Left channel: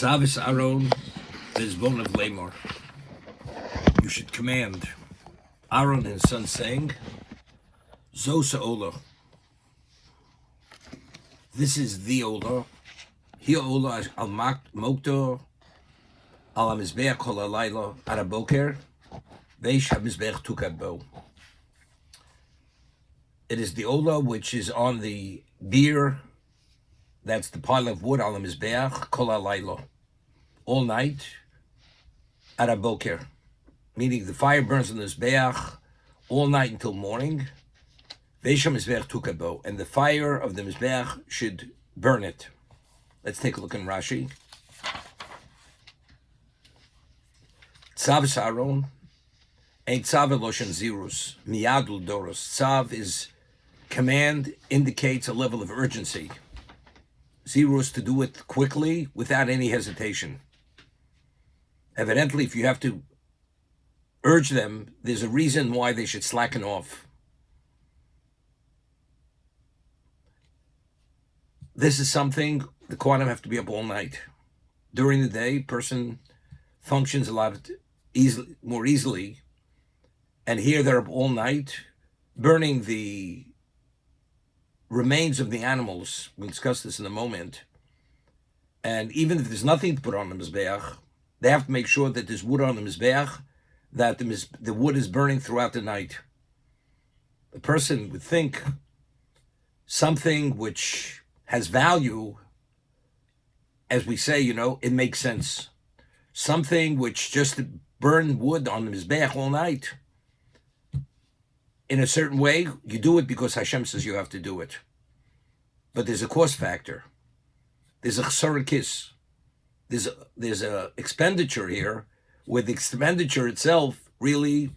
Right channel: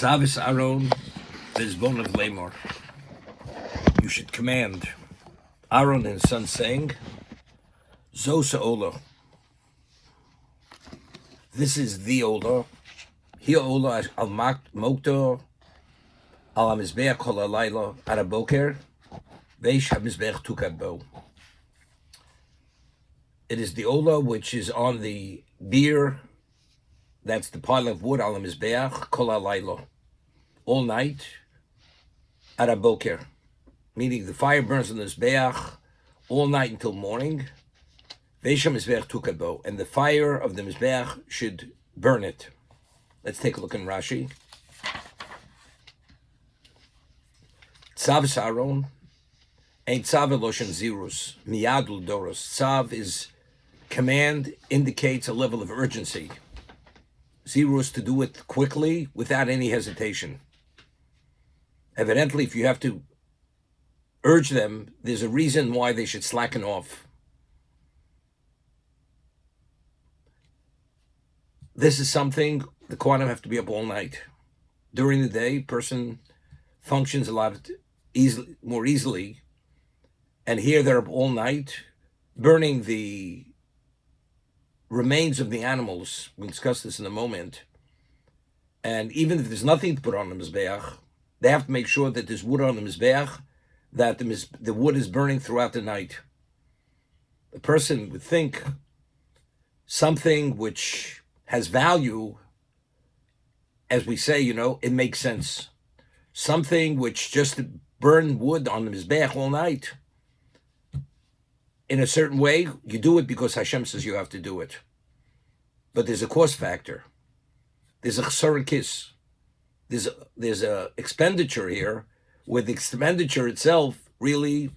Savis Aaron is born of Lamor. You should command Aaron and his son, saying, Zosa Ola. This is the Ola. Hi Ola al Mokto al Mizbeach kol halayla araboker veish hamizbeach tukabo. It is the Ola which is on the beer. That's the pile of wood al Mizbeach kol halayla, all night araboker, meaning the fire burns on the Mizbeach all night until morning. Veish hamizbeach tukabo, and the fire of the Mizbeach should burn it. Let's take a look in Rashi. Tzav Aaron, ain't tzav eloshen zirus, miyadul doros. Tzav is command, indicates a level of urgency. Zirus, to do it quickly, without any hesitation. Evidently, if you have to urge them, there's a reason why they should slacken off. This is something the Kohanim have to be up all night. During the day, person functions a lot more easily, and here they're up all night, burning the remains of the animals. We'll discuss this in a moment. And even if there's nothing to put on the Mizbeach, they have to make sure that there's wood on the Mizbeach, that the wood is burning throughout the night. The person would think something which has value, as we say, it makes sense. Something which just to burn wood on the Mizbeach all night, in a certain way, you do it because Hashem says you have to do it. But there's a cost factor. There's a chsarakis. There's a expenditure here, where the expenditure itself really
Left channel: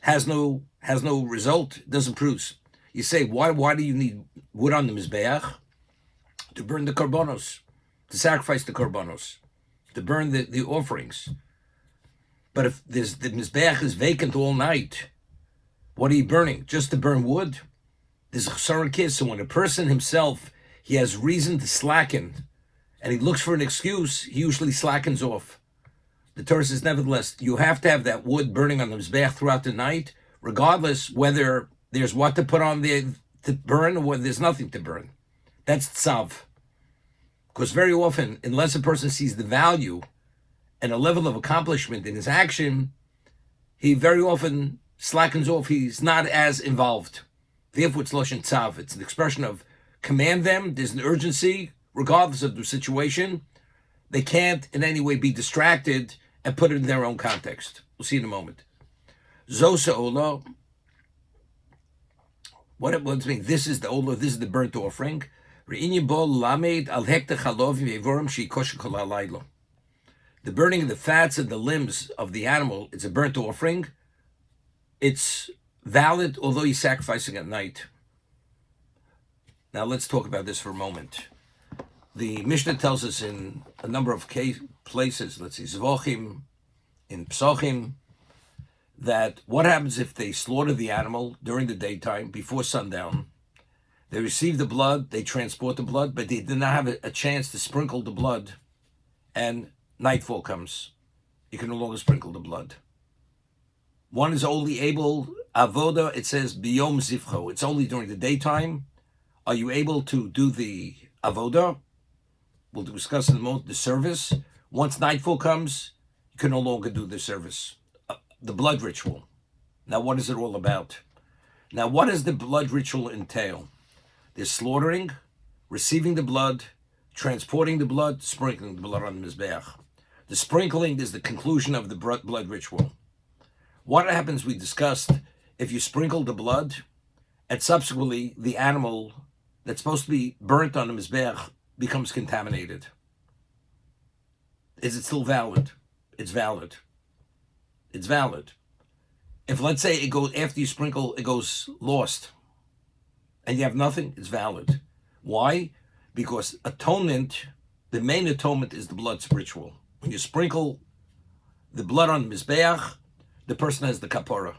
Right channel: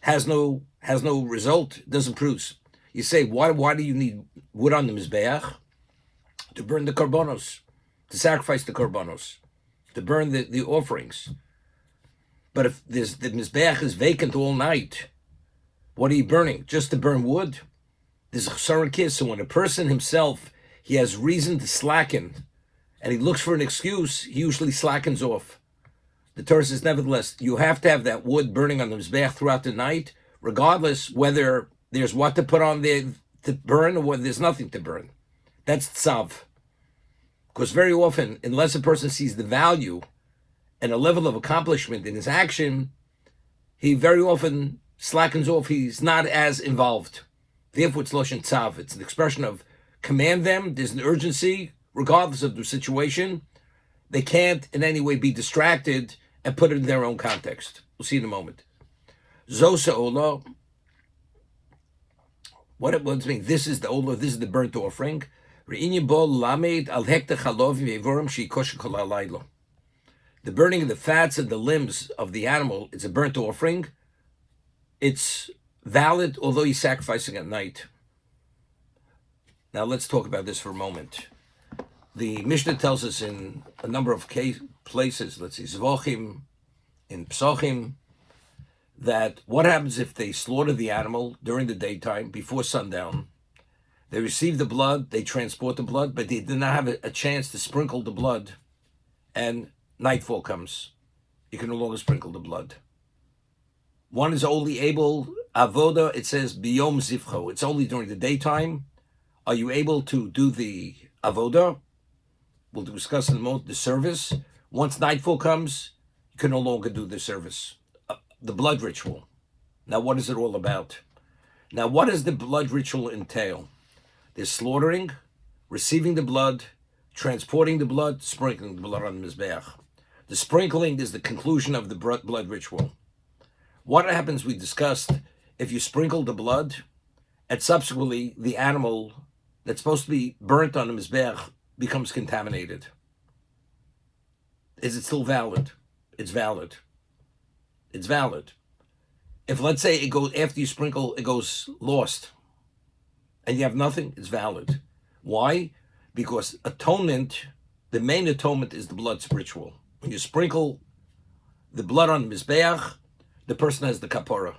has no result, doesn't produce. You say, why do you need wood on the Mizbeach? To burn the korbanos, to sacrifice the korbanos, to burn the offerings. But if the Mizbeach is vacant all night, what are you burning? Just to burn wood? There's a chsarakis. So when a person himself, he has reason to slacken, and he looks for an excuse, he usually slackens off. The Torah says, nevertheless, you have to have that wood burning on the Mizbeach throughout the night, regardless whether there's what to put on there to burn or whether there's nothing to burn. That's tzav. Because very often, unless a person sees the value and a level of accomplishment in his action, he very often slackens off. He's not as involved. Therefore, it's loshen tzav. It's an expression of command them. There's an urgency, regardless of the situation. They can't in any way be distracted and put it in their own context. We'll see in a moment. Zosa Ola. What does it mean? This is the Ola, this is the burnt offering. The burning of the fats and the limbs of the animal, it's a burnt offering. It's valid, although you're sacrificing at night. Now let's talk about this for a moment. The Mishnah tells us in a number of places, let's see, Zvochim, in Psochim, that what happens if they slaughter the animal during the daytime, before sundown. They receive the blood, they transport the blood, but they did not have a chance to sprinkle the blood, and nightfall comes. You can no longer sprinkle the blood. One is only able, avoda, it says, biyom zivcho. It's only during the daytime. Are you able to do the avoda? We'll discuss in a moment the service. Once nightfall comes, you can no longer do the service. The blood ritual. Now, what is it all about? Now, what does the blood ritual entail? There's slaughtering, receiving the blood, transporting the blood, sprinkling the blood on the Mizbeach. The sprinkling is the conclusion of the blood ritual. What happens, we discussed, if you sprinkle the blood, and subsequently the animal that's supposed to be burnt on the Mizbeach becomes contaminated. Is it still valid? It's valid. It's valid. If, let's say, it goes after you sprinkle, it goes lost, and you have nothing, it's valid. Why? Because atonement, the main atonement is the blood ritual. When you sprinkle the blood on the Mizbeach, the person has the kapara.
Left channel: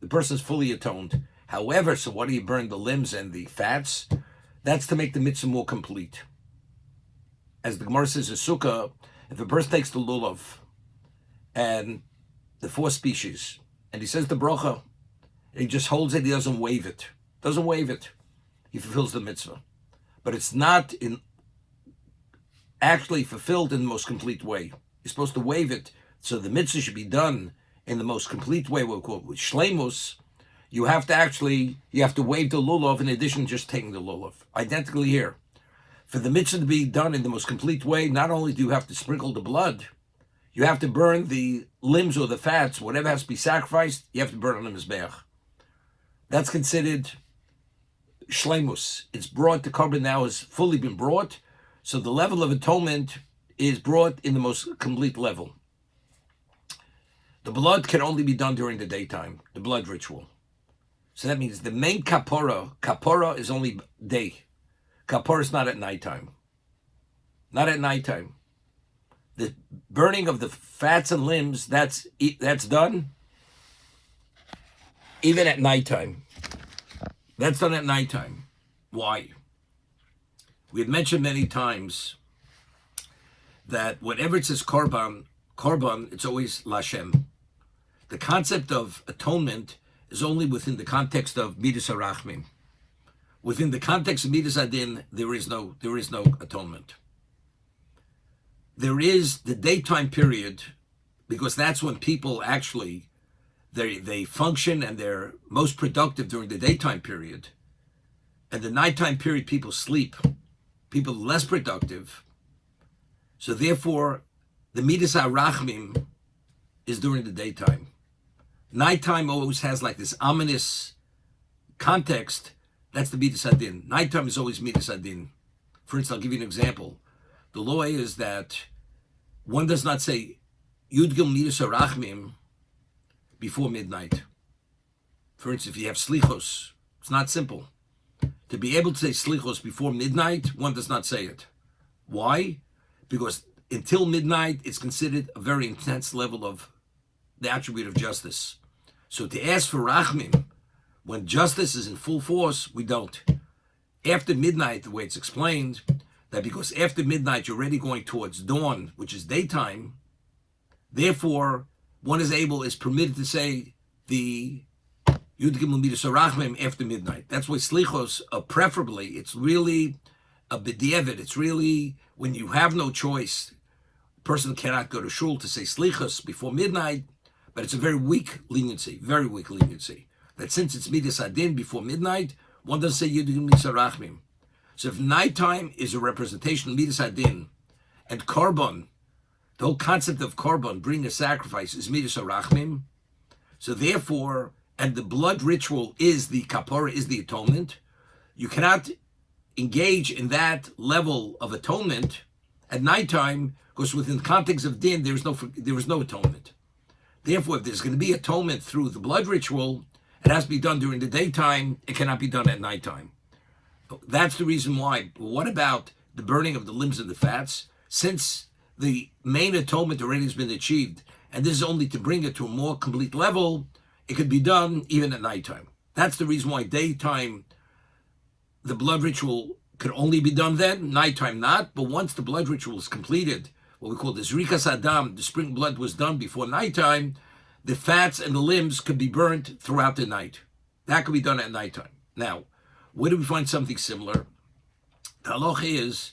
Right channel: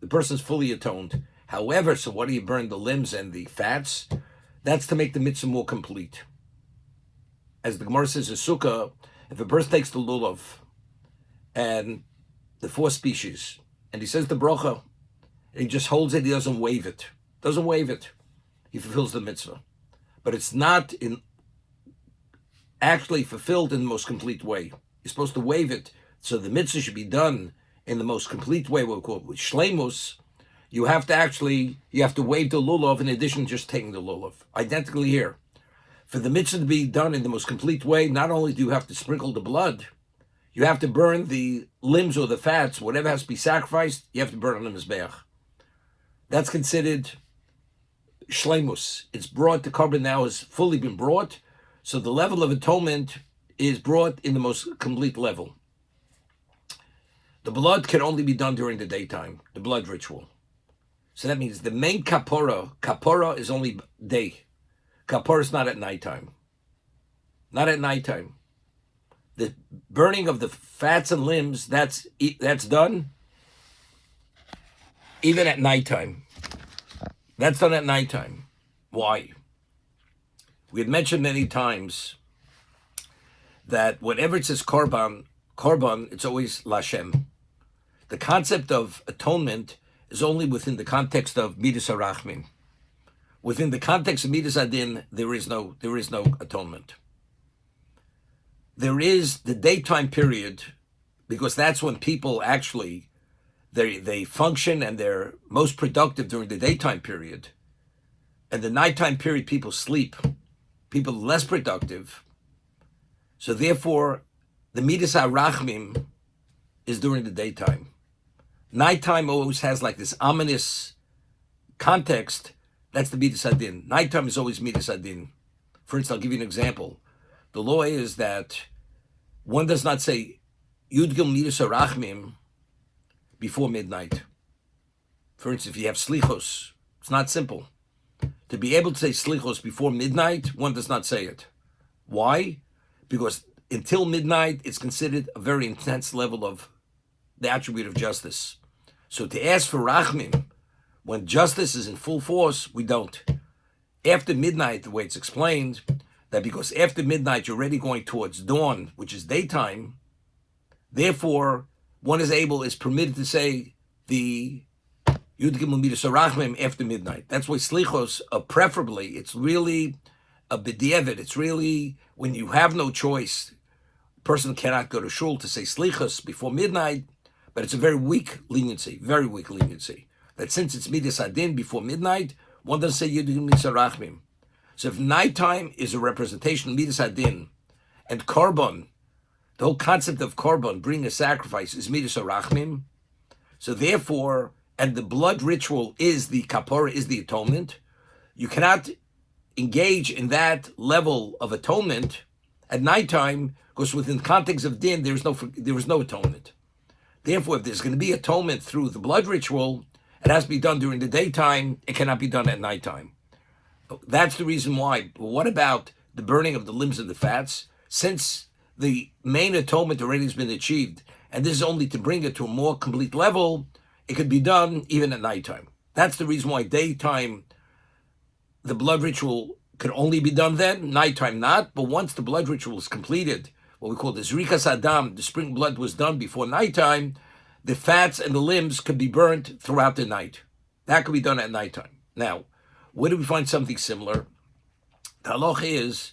The person is fully atoned. However, so what do you burn? The limbs and the fats? That's to make the mitzvah more complete. As the Gemara says in Sukkah, If a person takes the lulav and the 4 species, and he says the bracha, and he just holds it, he doesn't wave it. Doesn't wave it. He fulfills the mitzvah. But it's not actually fulfilled in the most complete way. You're supposed to wave it, so the mitzvah should be done in the most complete way, what we call it, with shleimus. You have to wave the lulav in addition to just taking the lulav. Identically here. For the mitzvah to be done in the most complete way, not only do you have to sprinkle the blood, you have to burn the limbs or the fats, whatever has to be sacrificed, you have to burn on the mizbeach. That's considered shleimus. It's brought, the korban now has fully been brought, so the level of atonement is brought in the most complete level. The blood can only be done during the daytime, the blood ritual. So that means the main kapora is only day. Kapora is not at nighttime. Not at nighttime. The burning of the fats and limbs, that's done even at nighttime. That's done at nighttime. Why? We had mentioned many times that whenever it says korban, it's always Lashem. The concept of atonement is only within the context of midas harachmin. Within the context of midas adin, there is no atonement. There is the daytime period, because that's when people actually they function and they're most productive during the daytime period. And the nighttime period, people sleep. People are less productive. So therefore, the midas harachmim is during the daytime. Nighttime always has like this ominous context. That's the midas adin. Nighttime is always midas adin. For instance, I'll give you an example. The law is that one does not say Yudgil midas harachmim before midnight. For instance, if you have slichos, it's not simple. To be able to say slichos before midnight, one does not say it. Why? Because until midnight, it's considered a very intense level of the attribute of justice. So to ask for rachmim, when justice is in full force, we don't. After midnight, the way it's explained, that because after midnight, you're already going towards dawn, which is daytime, therefore, one is permitted to say the Yud Gimel Midas Harachmim after midnight. That's why slichos, preferably, it's really a b'diavad. It's really when you have no choice. A person cannot go to shul to say slichos before midnight, but it's a very weak leniency. That since it's Midas Adin before midnight, one doesn't say Yud Gimel Midas Harachmim. So if nighttime is a representation of Midas Adin, and korban, the whole concept of korban, bringing a sacrifice, is Midas Harachmim, so therefore, and the blood ritual is the kapora, is the atonement, you cannot engage in that level of atonement at nighttime, because within the context of din, there is no atonement. Therefore, if there's going to be atonement through the blood ritual, it has to be done during the daytime, it cannot be done at nighttime. That's the reason why. But what about the burning of the limbs and the fats? Since the main atonement already has been achieved, and this is only to bring it to a more complete level, it could be done even at nighttime. That's the reason why daytime, the blood ritual could only be done then, nighttime not. But once the blood ritual is completed, what we call the zrikas adam, the spring blood was done before nighttime, the fats and the limbs could be burnt throughout the night. That could be done at nighttime. Now, where do we find something similar? The halacha is,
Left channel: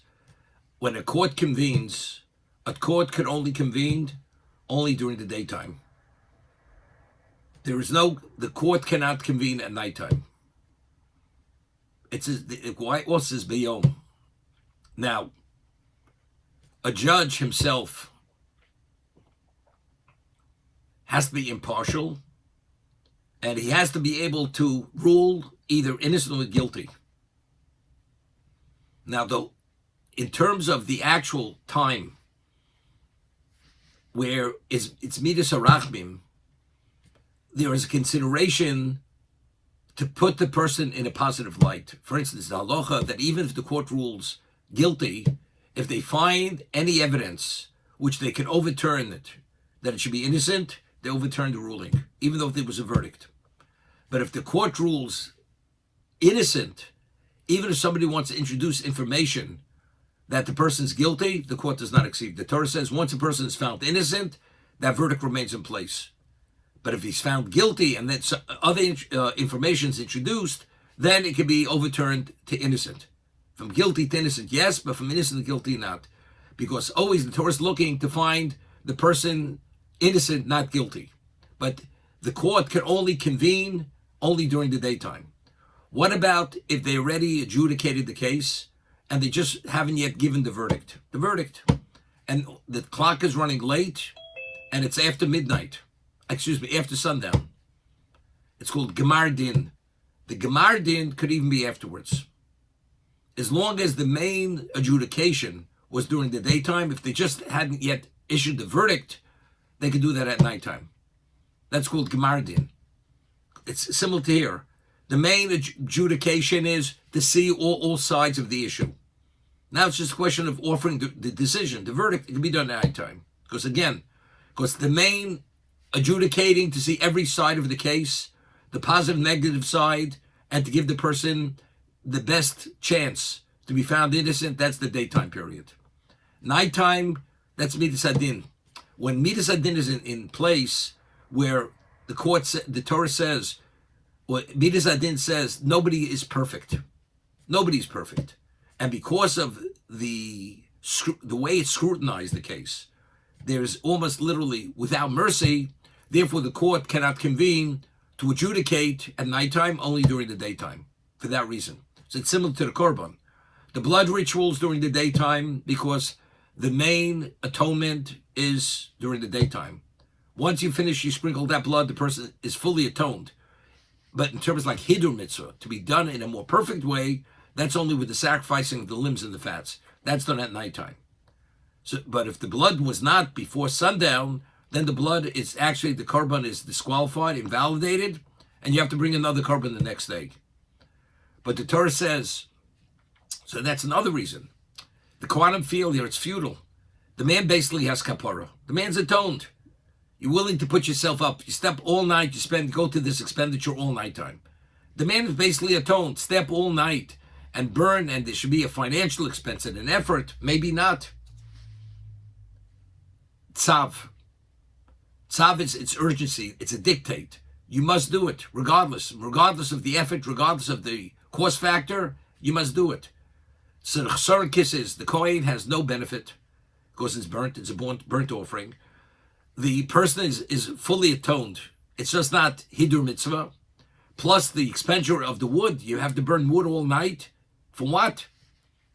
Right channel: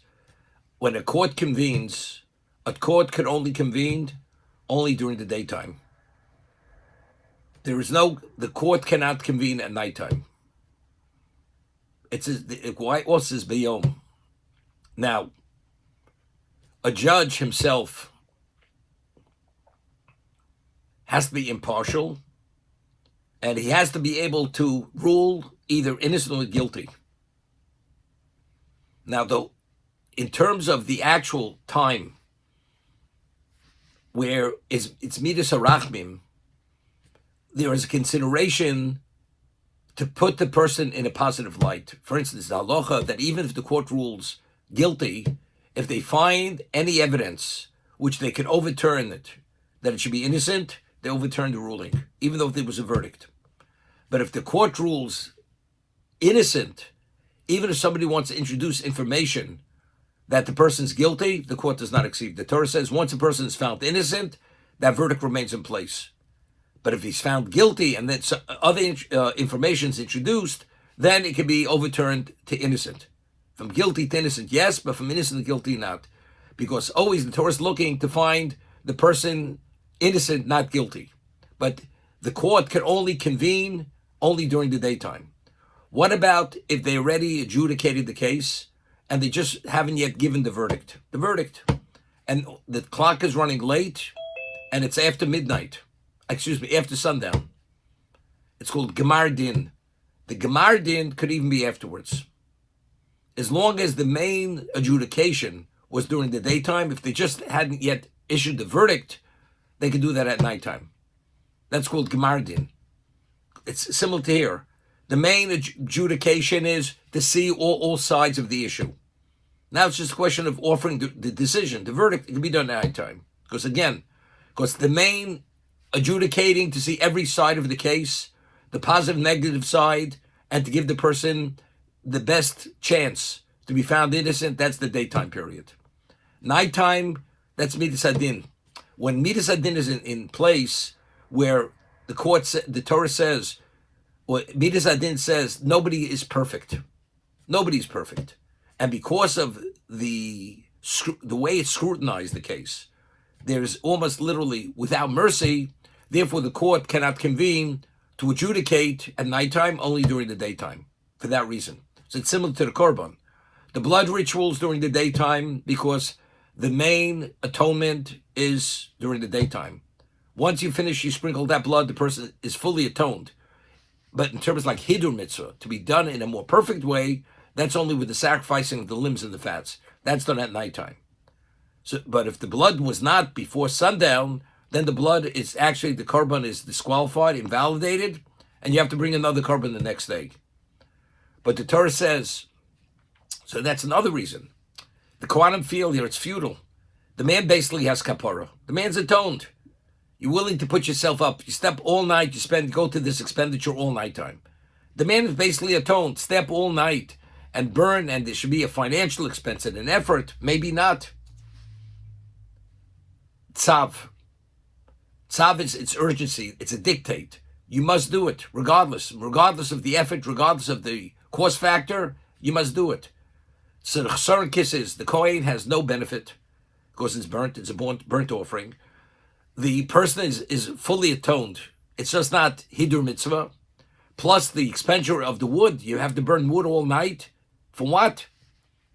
when a court convenes, a court can only convene only during the daytime. The court cannot convene at nighttime. It also says beyom. Now, a judge himself has to be impartial, and he has to be able to rule either innocent or guilty. Now, though, in terms of the actual time where it's midas harachmim, there is a consideration to put the person in a positive light. For instance, the halacha that even if the court rules guilty, if they find any evidence which they can overturn it, that it should be innocent, they overturn the ruling, even though there was a verdict. But if the court rules innocent, even if somebody wants to introduce information that the person's guilty, the court does not exceed. The Torah says once a person is found innocent, that verdict remains in place. But if he's found guilty and then other information is introduced, then it can be overturned to innocent. From guilty to innocent, yes, but from innocent to guilty, not. Because always the Torah is looking to find the person innocent, not guilty. But the court can only convene only during the daytime. What about if they already adjudicated the case and they just haven't yet given the verdict? The verdict. And the clock is running late and it's after midnight. After sundown. It's called Gemar Din. The Gemar Din could even be afterwards. As long as the main adjudication was during the daytime, if they just hadn't yet issued the verdict, they could do that at nighttime. That's called Gemar Din. It's similar to here. The main adjudication is to see all sides of the issue. Now it's just a question of offering the decision. The verdict can be done at nighttime. Because the main adjudicating to see every side of the case, the positive, negative side, and to give the person the best chance to be found innocent, that's the daytime period. Nighttime, that's Midas Adin. When Midas Adin is in place, where the Torah says, or Midas Adin says, nobody is perfect. Nobody's perfect. And because of the way it's scrutinized the case, there's almost literally without mercy. Therefore, the court cannot convene to adjudicate at nighttime, only during the daytime, for that reason. So it's similar to the Korban. The blood rituals during the daytime, because the main atonement is during the daytime. Once you finish, you sprinkle that blood, the person is fully atoned. But in terms like Hidur Mitzvah, to be done in a more perfect way, that's only with the sacrificing of the limbs and the fats. That's done at nighttime. So, but if the blood was not before sundown, then the blood is actually, the korban is disqualified, invalidated, and you have to bring another korban the next day. But the Torah says, so that's another reason. The Kohanim feel here it's futile. The man basically has kapara. The man's atoned. You're willing to put yourself up. You step all night, go to this expenditure all night time. The man is basically atoned. Step all night and burn, and there should be a financial expense and an effort. Maybe not. Tzav. Tzav is its urgency. It's a dictate. You must do it, regardless of the effort, regardless of the cost factor. You must do it. So the chesar kisses, the Kohen has no benefit because it's burnt. It's a burnt offering. The person is fully atoned. It's just not Hidur Mitzvah. Plus the expenditure of the wood. You have to burn wood all night. For what?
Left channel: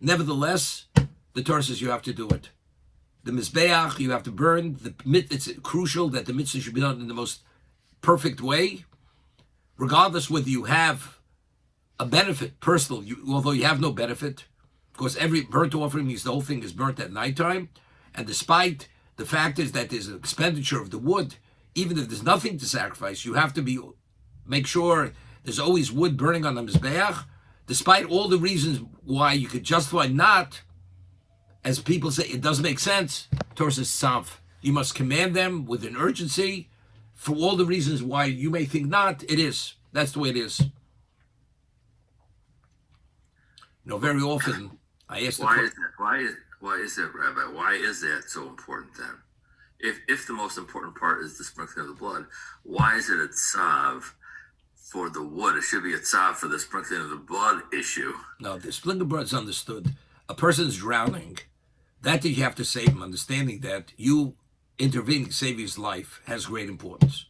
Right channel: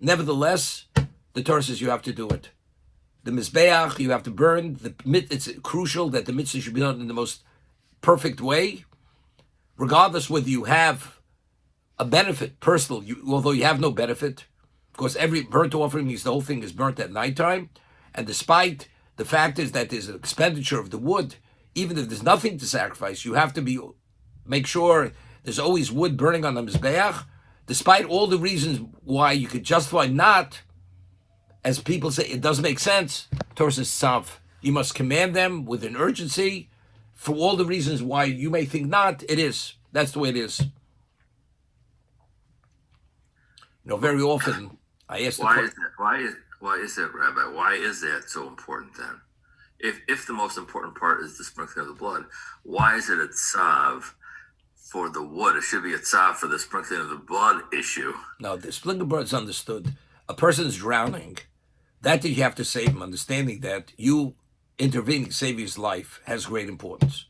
Nevertheless, the Torah says you have to do it. The Mizbeach, you have to burn. It's crucial that the mitzvah should be done in the most perfect way, regardless whether you have a benefit, personal, although you have no benefit, because every burnt offering means the whole thing is burnt at nighttime, and despite the fact is that there's an expenditure of the wood, even if there's nothing to sacrifice, you have to make sure there's always wood burning on the Mizbeach, despite all the reasons why you could justify not. As people say, it doesn't make sense. Torah says, tzav. You must command them with an urgency for all the reasons why you may think not. It is. That's the way it is. Very often I ask why is that, Rabbi? Why is that so important then? If the most important part is the sprinkling of the blood, why is it a tzav for the wood? It should be a tzav for the sprinkling of the blood issue. No, the sprinkling of blood is understood. A person's drowning. That you have to save him, understanding that you intervening, saving his life, has great importance.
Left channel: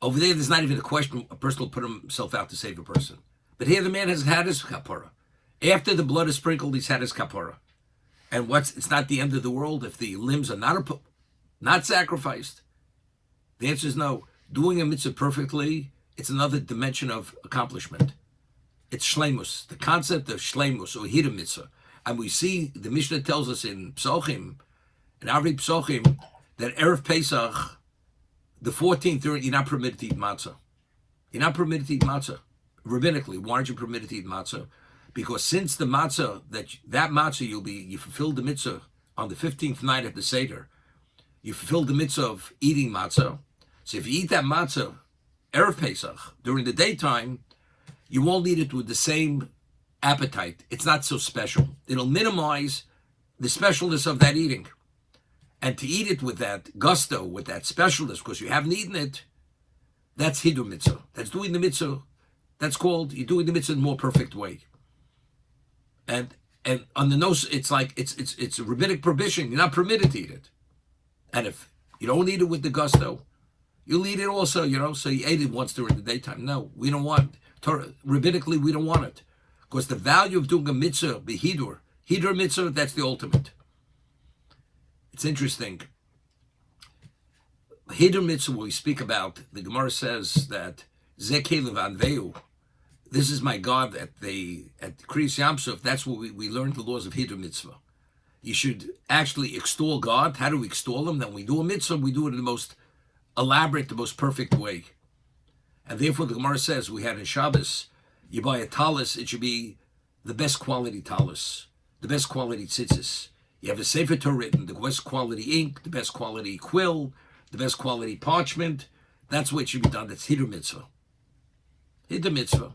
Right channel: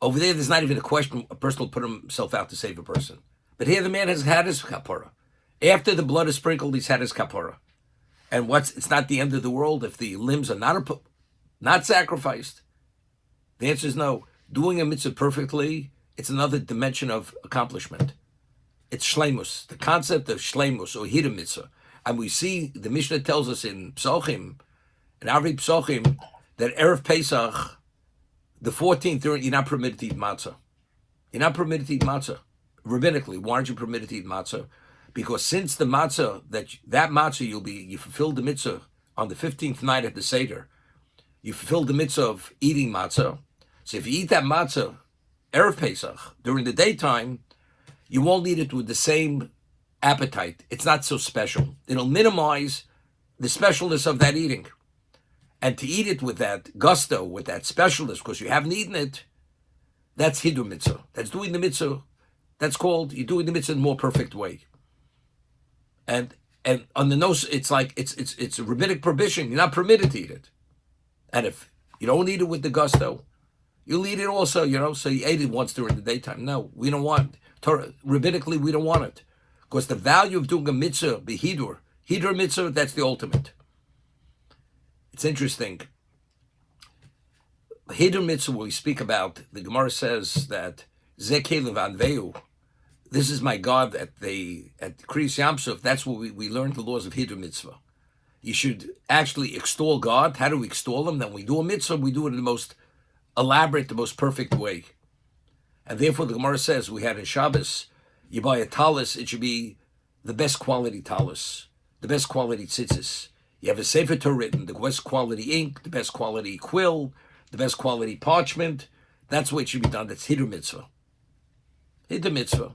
Over there's not even a question a person will put himself out to save a person. But here the man has had his kapara. After the blood is sprinkled, he's had his kapara. And it's not the end of the world if the limbs are not sacrificed. The answer is no. Doing a mitzvah perfectly, it's another dimension of accomplishment. It's shleimus, the concept of shleimus or hiddur mitzvah. And we see, the Mishnah tells us in Psochim, in Arvi Psochim, that Erev Pesach, the 14th, you're not permitted to eat matzah. You're not permitted to eat matzah. Rabbinically, why aren't you permitted to eat matzah? Because since the matzah, that matzah you fulfilled the mitzvah on the 15th night at the Seder, you fulfilled the mitzvah of eating matzah. So if you eat that matzah, Erev Pesach, during the daytime, you won't eat it with the same appetite. It's not so special. It'll minimize the specialness of that eating. And to eat it with that gusto, with that specialness, because you haven't eaten it, that's hidur mitzvah. That's doing the mitzvah. That's called, you're doing the mitzvah in a more perfect way. And on the nose, it's like, it's a rabbinic prohibition. You're not permitted to eat it. And if you don't eat it with the gusto, you'll eat it also, so you ate it once during the daytime. No, we don't want Torah. Rabbinically, we don't want it. Because the value of doing a mitzvah, the hidur mitzvah, that's the ultimate. It's interesting. Hidur mitzvah, we speak about, the Gemara says that Zekelev Anveu, this is my God at Kriyas Yamsuf. That's where we learned the laws of Hidur mitzvah. You should actually extol God. How do we extol him? Then we do a mitzvah, we do it in the most elaborate, the most perfect way. And therefore the Gemara says, we had in Shabbos, you buy a talus, it should be the best quality talus, the best quality tzitzis. You have a Sefer Torah written, the best quality ink, the best quality quill, the best quality parchment. That's what should be done. That's Hidur mitzvah. Hidur mitzvah.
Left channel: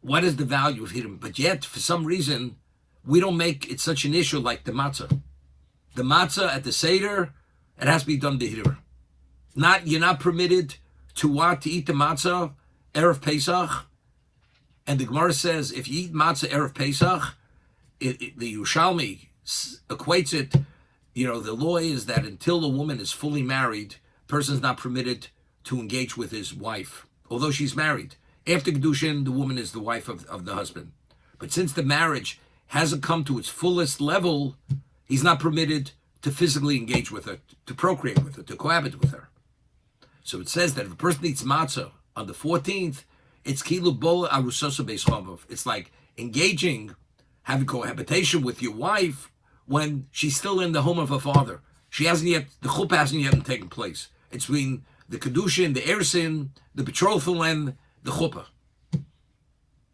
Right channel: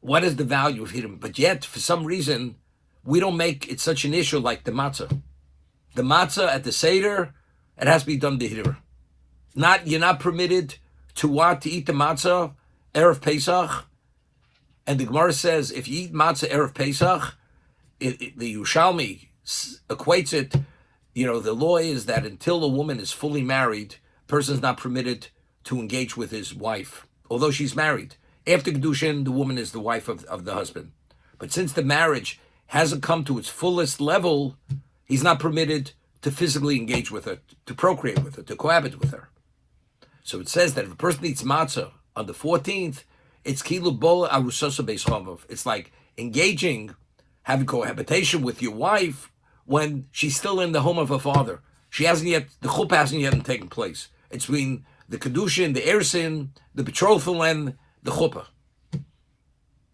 What is the value of Hidur? But yet, for some reason, we don't make it such an issue like the matzah. The matzah at the Seder, it has to be done Hidur. You're not permitted to eat the matzah Erev Pesach. And the Gemara says, if you eat matzah Erev Pesach, the Yerushalmi equates it, the law is that until a woman is fully married, a person is not permitted to engage with his wife, although she's married. After Kedushin, the woman is the wife of the husband. But since the marriage hasn't come to its fullest level, he's not permitted to physically engage with her, to procreate with her, to cohabit with her. So it says that if a person eats matzah on the 14th, it's kilu bola arusasa beis chamav. It's like engaging, having cohabitation with your wife when she's still in the home of her father. The chuppah hasn't yet taken place. It's between the kedushin, the ersin, the betrothal, and the chuppah.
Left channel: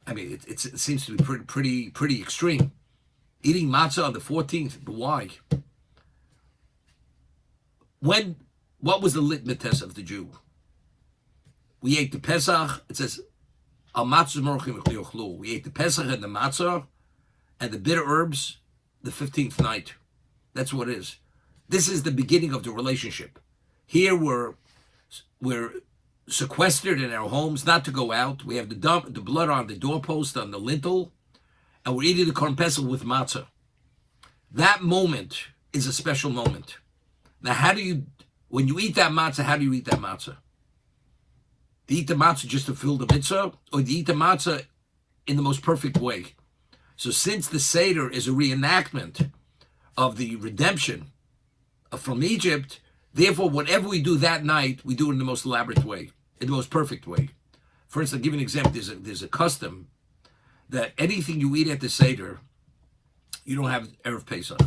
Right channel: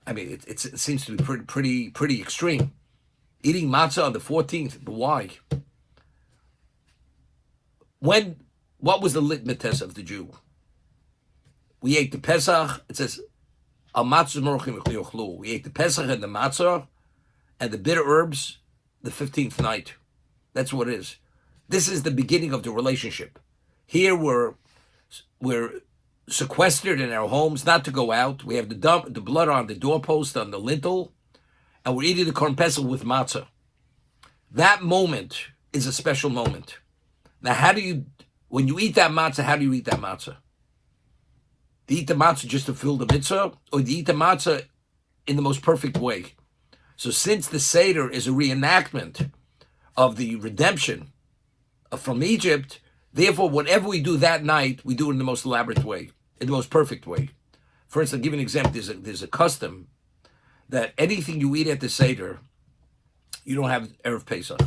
I mean, it seems to be pretty extreme. Eating matzah on the 14th, but why? What was the litmus test of the Jew? We ate the Pesach. It says, "Al matzah morchim yochlu." We ate the Pesach and the matzah and the bitter herbs the 15th night. That's what it is. This is the beginning of the relationship. Here we're sequestered in our homes, not to go out. We have the blood on the doorpost, on the lintel, and we're eating the Korban Pesach with matzah. That moment is a special moment. Now, when you eat that matzah, how do you eat that matzah? Do you eat the matzah just to fill the mitzvah, or do you eat the matzah in the most perfect way? So since the Seder is a reenactment of the redemption from Egypt, therefore, whatever we do that night, we do it in the most elaborate way, in the most perfect way. For instance, I'll give you an example. There's a custom that anything you eat at the Seder, you don't have Erev Pesach.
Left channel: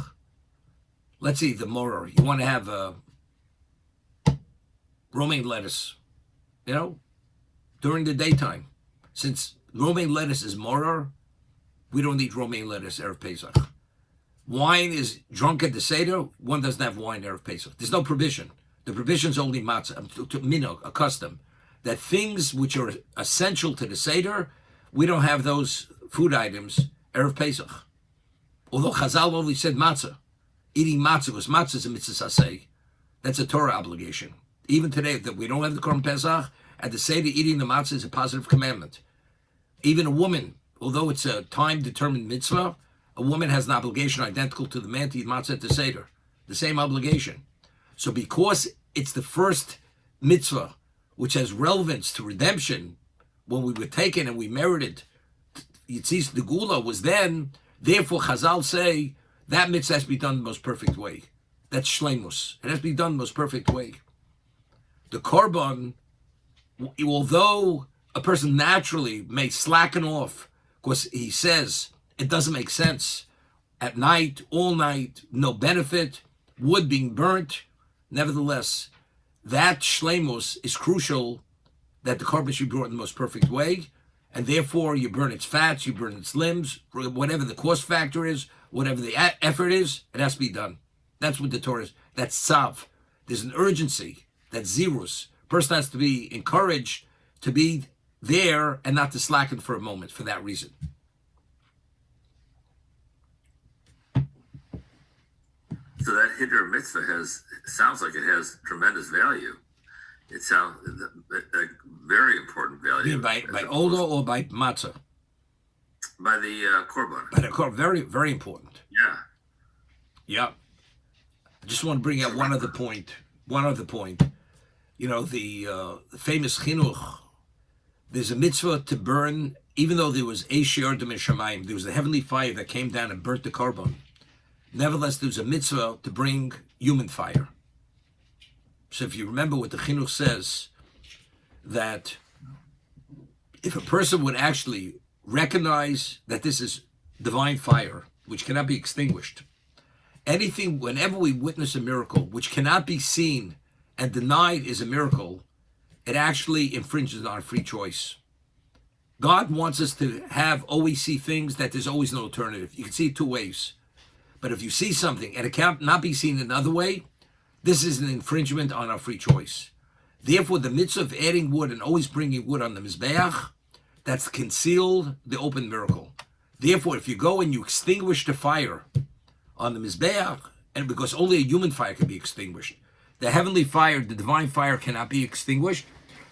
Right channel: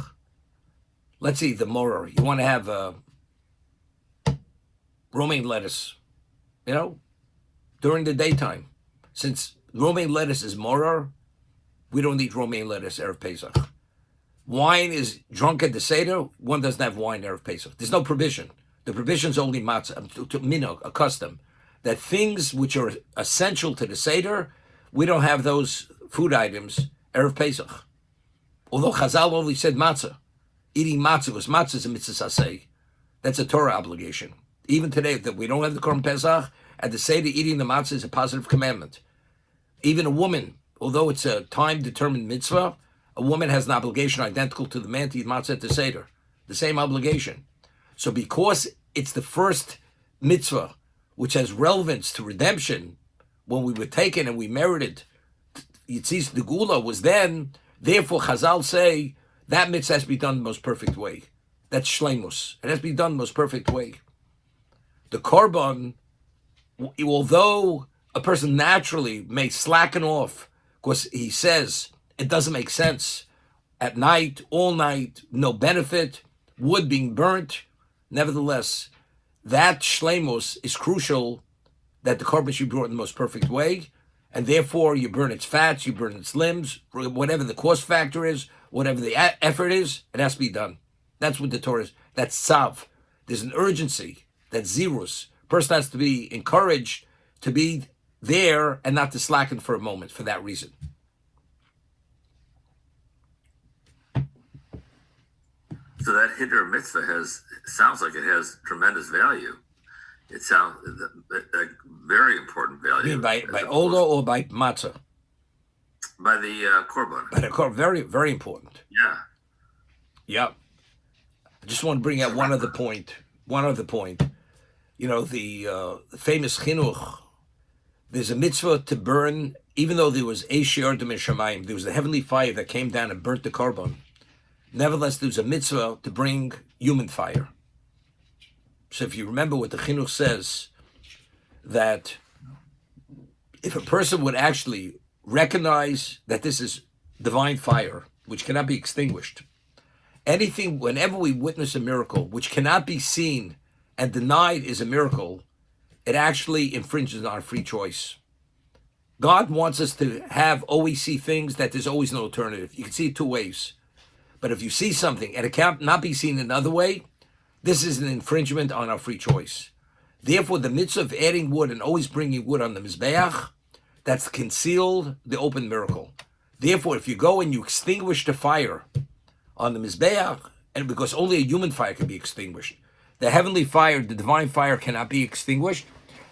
Let's see, the moror. You want to have romaine lettuce, during the daytime. Since romaine lettuce is moror, we don't eat romaine lettuce Erev Pesach. Wine is drunk at the Seder. One doesn't have wine Erev Pesach. There's no provision. The provision is only matzah, minhag, a custom. That things which are essential to the Seder, we don't have those food items Erev Pesach. Although Chazal only said matzah. Eating matzah, because matzah is a mitzvah saseh. That's a Torah obligation. Even today, that we don't have the Korban Pesach, at the Seder, eating the matzah is a positive commandment. Even a woman, although it's a time-determined mitzvah, a woman has an obligation identical to the man to eat matzah at the Seder. The same obligation. So because it's the first mitzvah which has relevance to redemption, when we were taken and we merited, Yitzis the Gula was then, therefore Chazal say, that mitzvah has to be done in the most perfect way. That's shleimus. It has to be done in the most perfect way. The korban, although a person naturally may slacken off, because he says it doesn't make sense, at night, all night, no benefit, wood being burnt, nevertheless, that shleimus is crucial, that the korban should be brought in the most perfect way, and therefore you burn its fats, you burn its limbs, whatever the cost factor is, whatever the effort is, it has to be done. That's what the Torah is. That's tzav. There's an urgency. That's zirus. Person has to be encouraged to be there and not to slacken for a moment for that reason. So that Hiddur mitzvah sounds like it has tremendous value. It sounds a very important value. You mean by Ola or by Matzah? By the korban. By the korban, very, very important. Yeah. Yep. I just want to bring out one other point. You know, the famous chinuch, there's a mitzvah to burn, even though there was Eish Yordam and Shamayim, there was the heavenly fire that came down and burnt the korban. Nevertheless, there's a mitzvah to bring human fire. So if you remember what the chinuch says, that if a person would actually recognize that this is divine fire, which cannot be extinguished, anything, whenever we witness a miracle, which cannot be seen and denied is a miracle, it actually infringes on our free choice. God wants us to always see things that there's always an alternative. You can see it two ways. But if you see something and it cannot be seen another way, this is an infringement on our free choice. Therefore, the mitzvah of adding wood and always bringing wood on the Mizbeach, that's concealed the open miracle. Therefore, if you go and you extinguish the fire on the Mizbeach, and because only a human fire can be extinguished, the heavenly fire, the divine fire cannot be extinguished.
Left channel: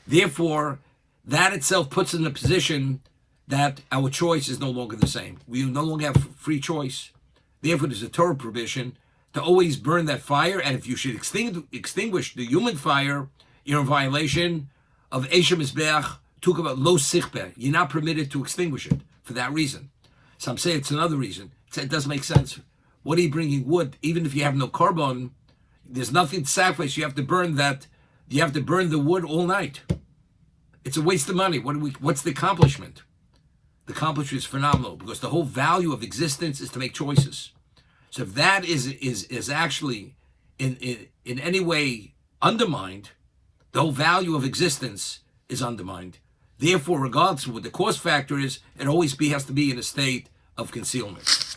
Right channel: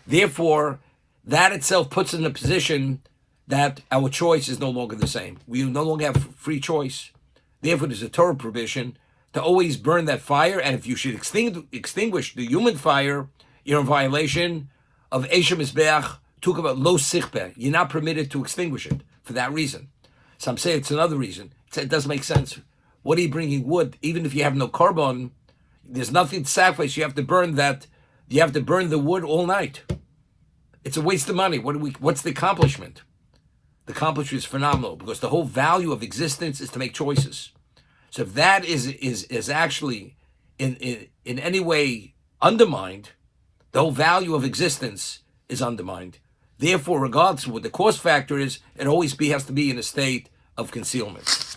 Therefore, that itself puts us in a position that our choice is no longer the same. We no longer have free choice. Therefore, there's a Torah provision to always burn that fire, and if you should extinguish the human fire, you're in violation of Eshem Mizbeach, talk about lo sichbeh. You're not permitted to extinguish it for that reason. Some say it's another reason. It doesn't make sense. What are you bringing wood? Even if you have no carbon, there's nothing to sacrifice. You have to burn that. You have to burn the wood all night. It's a waste of money. What's the accomplishment? The accomplishment is phenomenal because the whole value of existence is to make choices. So if that is actually in any way undermined, the whole value of existence is undermined. Therefore, regardless of what the cost factor is, it always has to be in a state of concealment.